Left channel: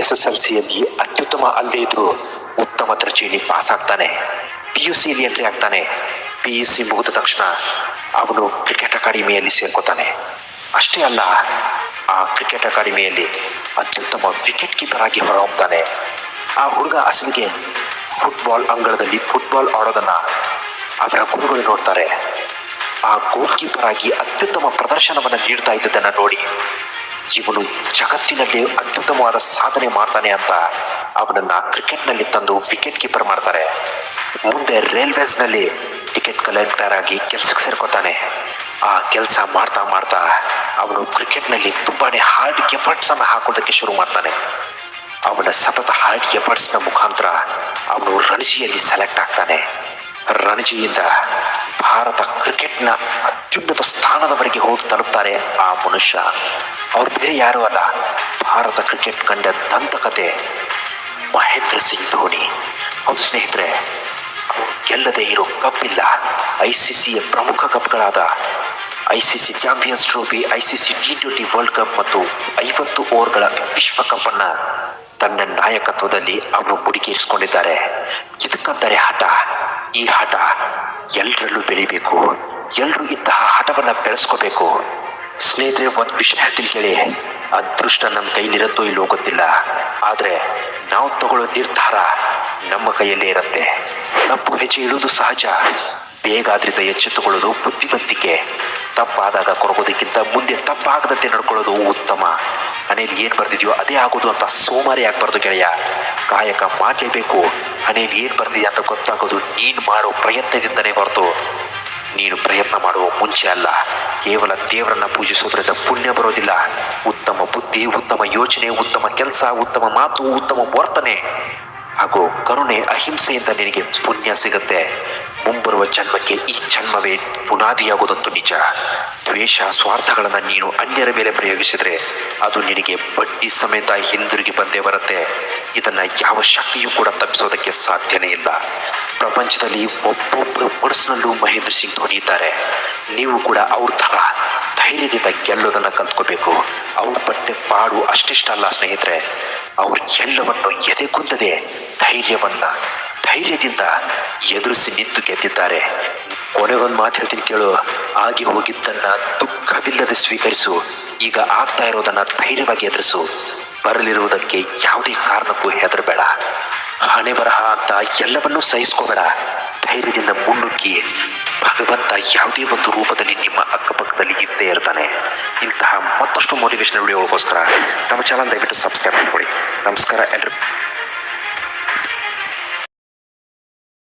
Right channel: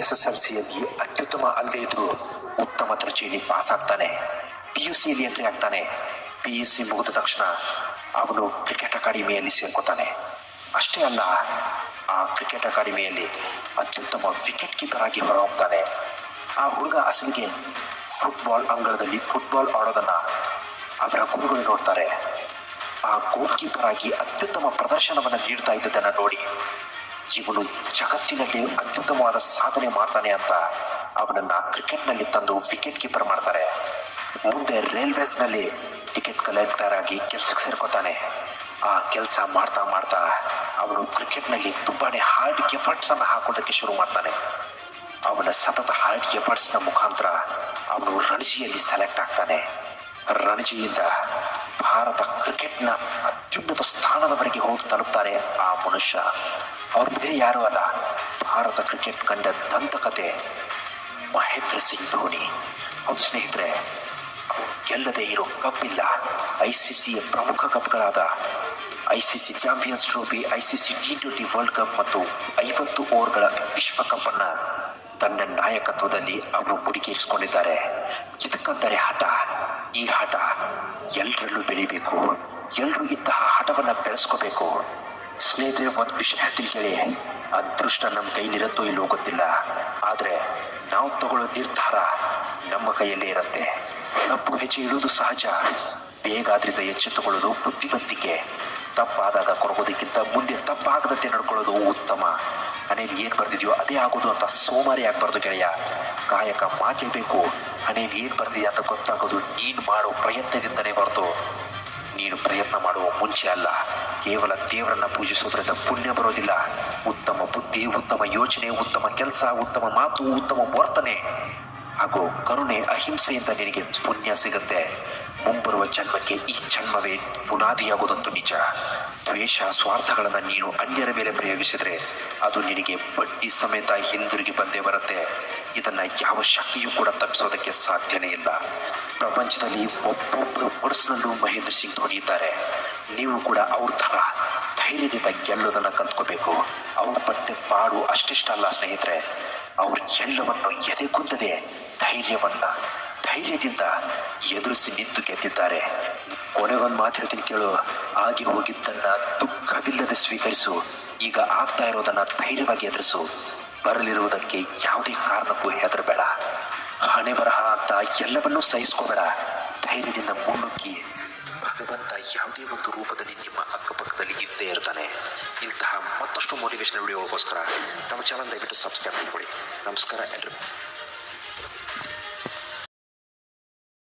S S L ಸಿಯಲ್ಲಿ ಅತ್ಯುತ್ತಮ ಅಲ್ಲದೆ ಇದ್ರು ಉತ್ತಮ ದರ್ಜೆಯಲ್ಲಿ ಪಾಸ್ ಆಗ್ತಾನೆ ಪಿ ಯು ಸಿಯಲ್ಲಿ ಎಂಟ್ರಿ ಆಗ್ತಾನೆ. ಪಿ ಯು ಸಿ ಮುಗಿದ ತಕ್ಷಣ ಅವನು ಕ್ರಿಕೆಟ್ ಅಕಾಡೆಮಿಯಲ್ಲಿ ಸೇರ್ಕೋತಾನೆ. ಅಷ್ಟೇ ಅಲ್ಲ, ಆ ಕ್ರಿಕೆಟ್ ಅಕಾಡೆಮಿಯಲ್ಲಿ ಅತ್ಯುತ್ತಮ ವಿಕೆಟ್ ಕೀಪರ್ ಆಗಿ ಹೊರಹೊಮ್ತಾನೆ. ಆ ಹುಡುಗ ಅಸಲಿಗೆ ಫುಟ್ಬಾಲ್ ಅಂಗಳದಲ್ಲಿ ಫುಟ್ಬಾಲ್ ಆಡೋದನ್ನ ಅದರ ಗುರುಗಳು ನೋಡ್ತಾರೆ. ಆ ಗೋಲ್ ಕೀಪರ್ ಆಗಿ ಅತ್ಯುತ್ತಮ ಪ್ರದರ್ಶನವನ್ನು ನೀಡ್ತಾ ಇದ್ದದನ್ನ ನೋಡಿ ಇವನು ಜಗತ್ತಿನಲ್ಲಿ ಅತ್ಯುತ್ತಮವಾದ ಸಾಧನೆ ಮಾಡ್ತಾನೆ ಅಂತ ಅವನನ್ನ ಕ್ರಿಕೆಟ್ನಲ್ಲಿ ತಂದು ವಿಕೆಟ್ ಕೀಪರ್ ಮಾಡ್ತಾರೆ. ಮುಂದೆ ರೈಲ್ವೇಸ್ನಲ್ಲಿ ಟಿಕೆಟ್ ಕಲೆಕ್ಟರ್ ಆಗಿ ಕೆಲ್ಸಕ್ಕೆ ಸೇರ್ಕೋತಾನೆ. ಆ ಕೆಲಸ ಮಾಡ್ತಾ ಮಾಡ್ತಾ ಅವನು ಕ್ರಿಕೆಟ್ನಲ್ಲಿ ತುಂಬಾನೇ ಹಾರ್ಡ್ ಎಫರ್ಟ್ಸ್ ಅನ್ನು ಹಾಕೋದಕ್ಕೆ ಶುರು ಮಾಡ್ತಾನೆ. ಅವನ ಸತತ ಹಾರ್ಡ್ನ ಮುಖಾಂತರ ಅವನು ರಣಜಿಯಲ್ಲಿ ಸೆಲೆಕ್ಟ್ ಆಗ್ತಾನೆ. ರಣಜಿಯಿಂದ ಭಾರತ ಕ್ರಿಕೆಟ್ನ ಅತ್ಯುನ್ನತ ಸ್ಥಾನದವರೆಗೆ ಹೋಗಿ ತಲುಪ್ತಾರೆ ಆ ಮನುಷ್ಯ. ಅವ್ರು ಬೇರೆ ಯಾರು ಅಲ್ಲ. ಭಾರತ ಕ್ರಿಕೆಟ್ ಕಂಡ ದಂತಕತೆ ಮಹೇಂದ್ರ ಸಿಂಗ್ ಧೋನಿ. ಹೌದು ಸ್ನೇಹಿತರೆ, ಗೆಲ್ಲದೆ ಇರೋ ಕಪ್ ಇಲ್ಲ ಐ ಸಿ ಸಿಯ ಪ್ರಮುಖ ಕಪ್ಗಳಾದ I C C champions trophy I C C T twenty world cup ಮತ್ತು ಐವತ್ತು ಓವರ್ಗಳ ವಿಶ್ವಕಪ್ ಅನ್ನ ತನ್ನ ನಾಯಕತ್ವದಲ್ಲಿ ಅವರು ಮುಡಿಗೇರಿಸಿಕೊಂಡಿದ್ದಾರೆ ಇದಕ್ಕಂತಾರೆ ಹಠ? ಈ ಹಠ ಎಲ್ಲರಲ್ಲೂ ಬೆಳಿಬೇಕು ಎಲ್ಲರೂ ಇಂತಹ ಹಠವನ್ನ ಬೆಳೆಸ್ಕೋಬೇಕು. ಸ್ನೇಹಿತರೆ, ಒಂದು ವಿಷಯ ಹೇಳ್ತೀನಿ ಕೇಳಿ. ಅದೃಷ್ಟ ನಮ್ಮ ಕೈಲಿರುತ್ತೋ ಇಲ್ಲೋ ಗೊತ್ತಿಲ್ಲ. ಆದರೆ ನಾವು ತಗೊಳ್ಳೋ ನಿರ್ಧಾರ ನಮ್ಮ ಕೈಯಲ್ಲೇ ಇರುತ್ತೆ. ತಪ್ಪು ಹೆಜ್ಜೆ ಇಡುವುದು ಸಹಜ. ಬೇಗ ಅದರಿಂದ ಎಚ್ಚೆತ್ತುಕೊಳ್ಳೋದು ಬುದ್ಧಿವಂತಿಕೆ. ತಪ್ಪಾದಾಗ ಕೊರಗೋದಕ್ಕಿಂತ ಮುಂದೆ ತಪ್ಪಾಗದಂತೆ ನಡ್ಕೊಳ್ಳೋದು ಉತ್ತಮ. ಮನೇಲಿ ಏನು ಬರ್ದಿದೆಯೋ ಅದೇ ಆಗೋದು ಅಂತ ಸೋಮಾರಿ ಆಗಬಾರ್ದು ಗೆಳೆಯ. ಕಾಯಕ ಮಾಡಲೇಬೇಕು ಮನೇಲಿ ಏನು ಬರ್ದಿದ್ಯಾ ಅಂತ ಗೊತ್ತಾಗೋದು ನೀನ್ ಮಾಡೋ ಪ್ರಯತ್ನದಿಂದನೇ ಹೊರತು. ನೀನು ಪ್ರಯತ್ನ ಮಾಡುವ ಮುಂಚೆ ಅಲ್ಲ. ಕೇವಲ ದೇವರನ್ನ ಪೂಜಿಸೋದ್ರಿಂದ ಪುಣ್ಯ ಬರೋದಿಲ್ಲ. ಉತ್ತಮ ಬುದ್ಧಿ, ಉತ್ತಮ ಯೋಚನೆ, ಉತ್ತಮ ಕೆಲಸ, ಉತ್ತಮ ಮಾತು, ಉತ್ತಮ ವರ್ತನೆ ಹಾಗೂ ಕರುಣೆ, ಅಹಿಂಸೆಯಿಂದ ನಿನಗೆ ಪುಣ್ಯ ಸಿಗುತ್ತೆ. ಮುಂಬರುವ ಜನ್ಮಕ್ಕೆ ಈ ಜನ್ಮವೇ ಬುನಾದಿಯಾಗೋದಂತೂ ನಿಜ. ದ್ವೇಷ, ಸ್ವಾರ್ಥಗಳನ್ನು ನೀನು ಅನ್ಯರ ಮೇಲೆ ಪ್ರಯೋಗಿಸಿದರೆ ಅದು ನಿನಗೆ ಬಡ್ಡಿ ಸಮೇತ ಹಿಂದಿರುಗಿ ಬಂದೇ ಬರುತ್ತೆ. ಇದನ್ನು ಯಾವ ಶಕ್ತಿಯೂ ಕೂಡ ತಪ್ಪಿಸೋದಕ್ಕೆ ಸಾಧ್ಯನೇ ಇಲ್ಲ. ಪ್ರಪಂಚದಲ್ಲಿ ಒಬ್ಬೊಬ್ಬರು ಮನಸ್ಸಿನಲ್ಲೂ ಮಹೇಂದ್ರ ಸಿಂಗ್ ಧೋನಿ ಇದ್ದಾರೆ. ನೀವು ಕೂಡ ಅವ್ರ ಥರ ಧೈರ್ಯದಿಂದ ಗೆಲ್ಲೋದನ್ನ ಕಲ್ತ್ಕೋಬೇಕು. ಅವ್ರ ಪಟ್ಟೆ ಪಾಡು ಅಷ್ಟಿಷ್ಟಲ್ಲ ಸ್ನೇಹಿತರೆ. ಅವ್ರು ಎಲ್ಲವನ್ನು ಎದೆಗುಂದದೆ ಧೈರ್ಯವನ್ನ ಧೈರ್ಯದಿಂದ ಎದುರಿಸಿ ನಿಂತು ಗೆದ್ದಿದ್ದಾರೆ. ಕೊನೆಗೊಂದು ಮಾತು ಹೇಳ್ತೀನಿ ಕೇಳು. ಆಗಿ ಹೋಗಿದ್ದನ್ನ ದುಃಖವಿಲ್ಲದೆ ಸ್ವೀಕರಿಸು. ಈಗ ಆಗ್ತಾ ಇರೋದನ್ನ ಧೈರ್ಯವಾಗಿ ಎದುರಿಸು. ಬರಲಿರುವುದಕ್ಕೆ ಯಾವುದೇ ಕಾರಣಕ್ಕೂ ಹೆದರಬೇಡ. ಹಣೆ ಬರಹ ಅಂತ ಎಲ್ಲವನ್ನೂ ಸಹಿಸ್ಕೋಬೇಡ. ಧೈರ್ಯದಿಂದ ಮುನ್ನುಗ್ಗಿ. ಭಗವಂತ ಯಾವುದೇ ಒಂದು ರೂಪದಲ್ಲಿ ನಿಮ್ಮ ಅಕ್ಕಪಕ್ಕದಲ್ಲಿ ಇದ್ದೇ ಇರ್ತಾನೆ. ಇಂತಹ ಮತ್ತಷ್ಟು ಮೋಟಿವೇಶನ್ ವಿಡಿಯೋಗೋಸ್ಕರ ನಮ್ಮ ಚಾನಲ್ ದಯವಿಟ್ಟು ಸಬ್ಸ್ಕ್ರೈಬ್ ಮಾಡಿಕೊಡಿ ನಮಸ್ಕಾರ ಎಲ್ರಿಗೂ